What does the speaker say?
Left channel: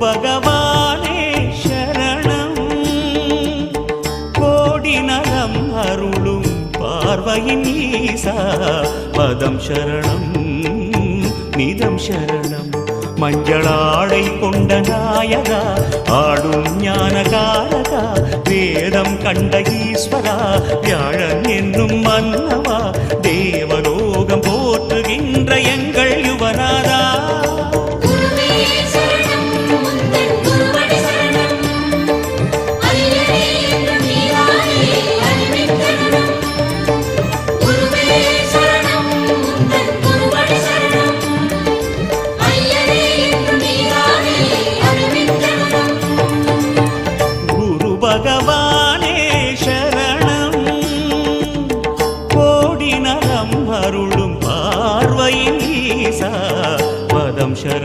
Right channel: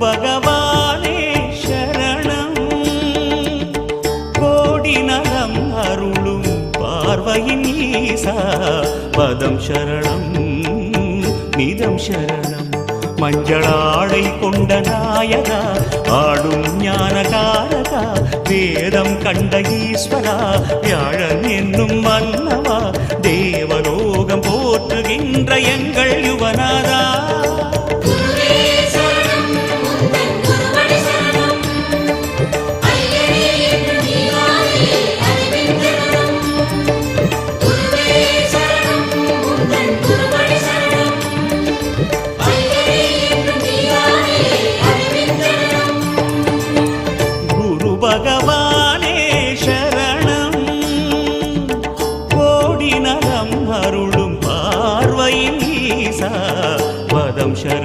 பகவானே சரணம் கோடி நலம் அருளும் பார்வையின் ஈசா பதம் சரணம் நிதம் சரணம் மஞ்சளாடை கொண்ட நாயகா ஆடும் ஞானகாரகா வேதம் கண்ட ஈஸ்வரா வியாழன் என்னும் மன்னவா தேவலோகம் போற்றுகின்ற எங்கள் யுவனாதா பகவானே சரணம் கோடி நலம் அருளும் பார்வையின் ஈசா பதம் சரணம்